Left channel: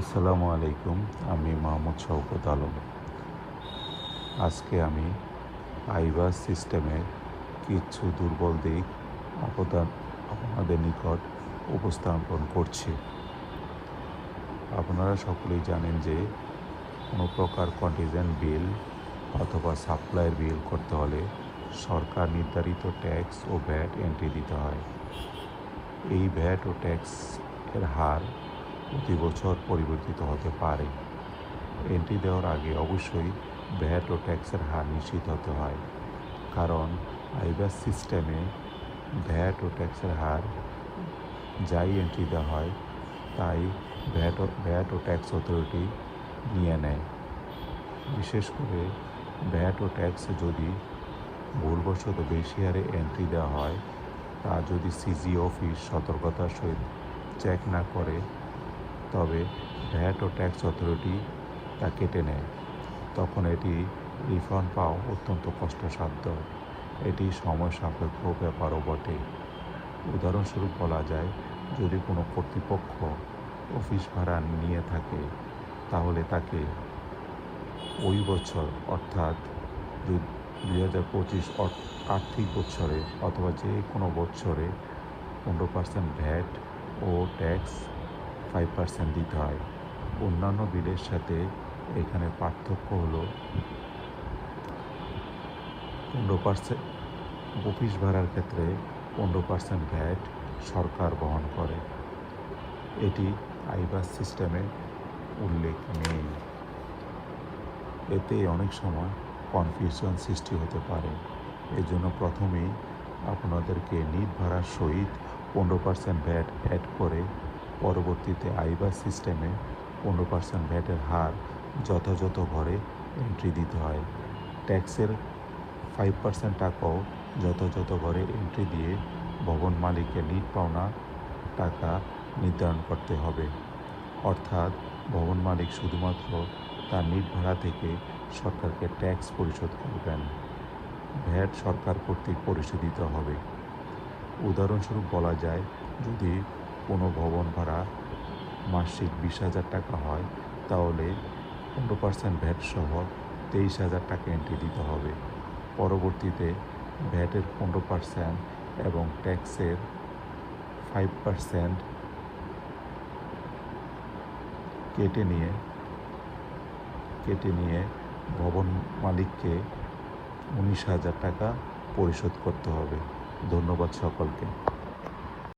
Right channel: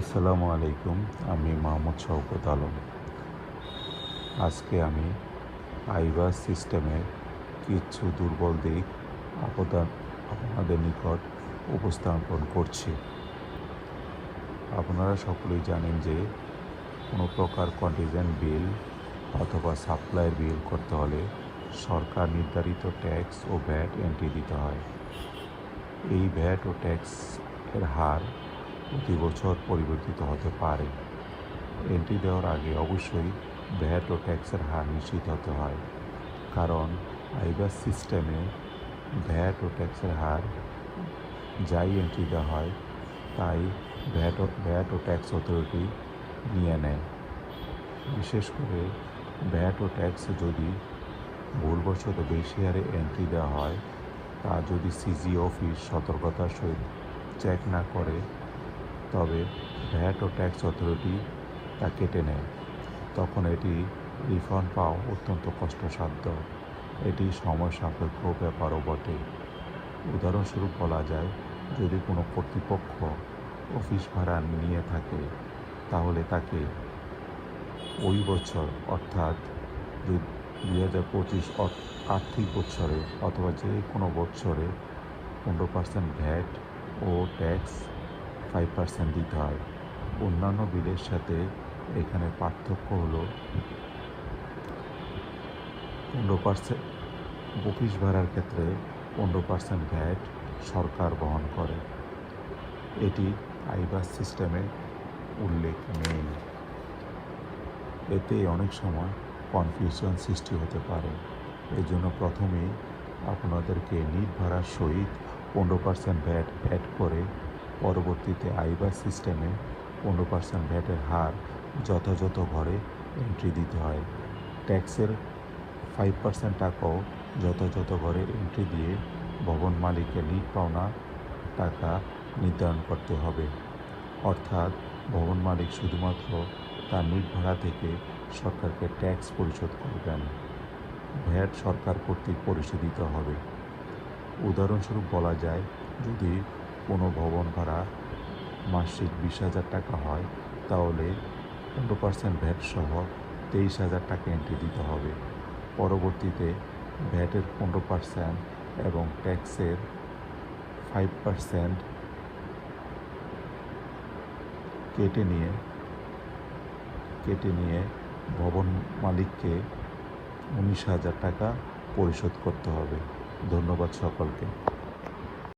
আসসালামু আলাইকুম। আমি মোহাম্মদ শওকত আলম। আজকে আমি আইবাস সিস্টেমের কিছু দুর্বল দিক আপনাদের নিকট উপস্থাপন করছি। আপনারা সকলেই জানেন যে কোনো প্রকার কন্টিনজেন্ট বিল অথবা সাপ্লাইয়ের বিল করতে হলে সরকার নির্ধারিত ট্যাক্স ও ভ্যাট এন্ট্রি দিতে হয়। এই ভ্যাট ও ট্যাক্সের হার প্রতি বছর পরিবর্তিত হতে পারে। এন্ট্রি দেওয়ার আগে অবশ্যই ভ্যাট ও ট্যাক্সের হার নিশ্চিত হতে হয়, কারণ আইবাস সিস্টেমে ভ্যাট ও ট্যাক্সের হার যাই এন্ট্রি দেওয়া হয় তাই ভ্যাট ও ট্যাক্স অথরিটি নিয়ে নেয়। বিশেষ করে ভ্যাট ও ট্যাক্স যদি ভুলবশত বেশি হারে এন্ট্রি দেওয়া হয়, তা যদি সিজি অফিস সতর্কতার সহিত চেক না করে তবে ভ্যাট ও ট্যাক্স অথরিটি তা কেটে নেয়। তখন এটি রিফান্ড পাওয়া অত্যন্ত কষ্টসাধ্য। এটি সময় সাপেক্ষ ব্যাপারও বটে। উদাহরণস্বরূপ বলা যায়, যদি কোনো কর্তৃপক্ষ অফিস ভাড়া নিয়ে থাকে তাহলে তাকে ওই বছর অর্থাৎ 2025 আর্থিক বছরে অথবা যে কোনো বছরে 15% ভ্যাট ও ট্যাক্স 5% দিতে হয়। অন্যান্য বিলের সাথে এখানে পার্থক্য হলো 15%। অফিস ভাড়ার ক্ষেত্রে 15% ভ্যাট সরকার বহন করে। এটি আইবাস সিস্টেমে উল্লেখ নেই। এতে অনেক সময় কনফিউশন সৃষ্টি হতে পারে। এই জন্য প্রথমেই আপনাদেরকে নিট ভাড়ার সহিত 15% ভ্যাট অ্যাড করে পরবর্তীতে আইবাস সিস্টেমে 15% ভ্যাটের হার যথাযথ ঘরে এন্ট্রি দিতে হয়। ট্যাক্সের 5% টাকাও যথাযথ ঘরে এন্ট্রি দিয়ে ভবন মালিকের নিট পাওনা টাকা নির্ধারণ করতে হবে। অর্থাৎ ভবন মালিক শুধুমাত্র তার নিট ভাড়া থেকে সরকারকে ট্যাক্স পরিশোধ করবেন। ভ্যাট সরকার কর্তৃক পরিশোধিত হবে। উদাহরণস্বরূপ বলা যায়, যদি কোনো ভবন ভাড়া মাসিক 20,000 টাকা হয় তাহলে 15% ভ্যাট সহ 23,000 টাকা এন্ট্রি দিতে হবে। পরবর্তীতে ভ্যাটের 15% এবং ট্যাক্সের 5% কেটে নিয়ে ভবন মালিককে 19,000 টাকা পরিশোধ করতে হবে। ধন্যবাদ সকলকে।